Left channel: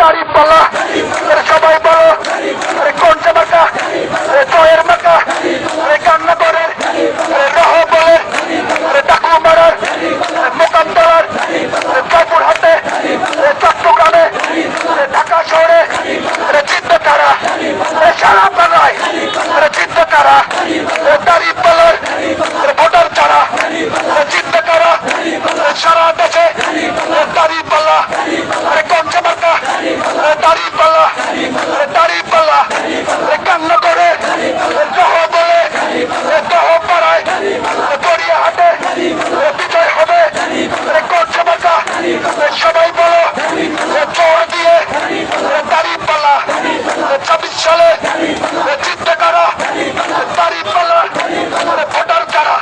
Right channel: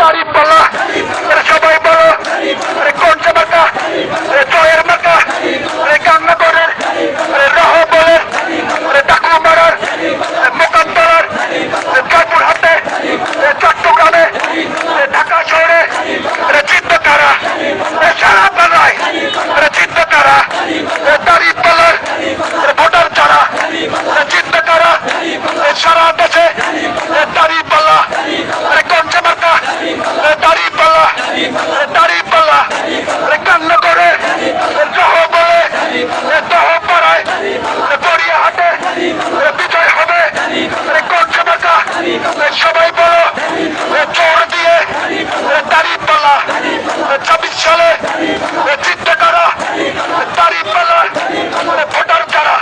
Karim Bala, Karim Bala, Karim সালে নেতৃত্ব কারা? তারিফ মানে ভোটার কারা?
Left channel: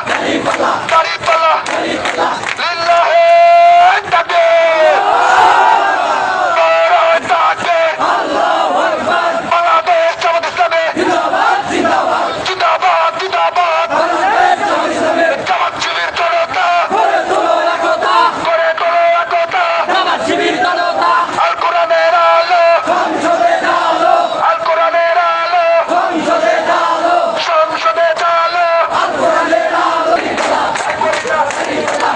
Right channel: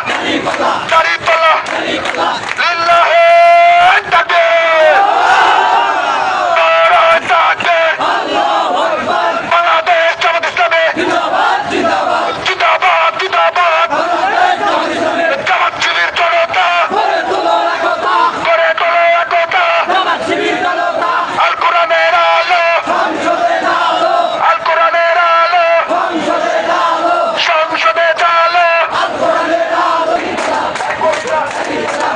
Viva.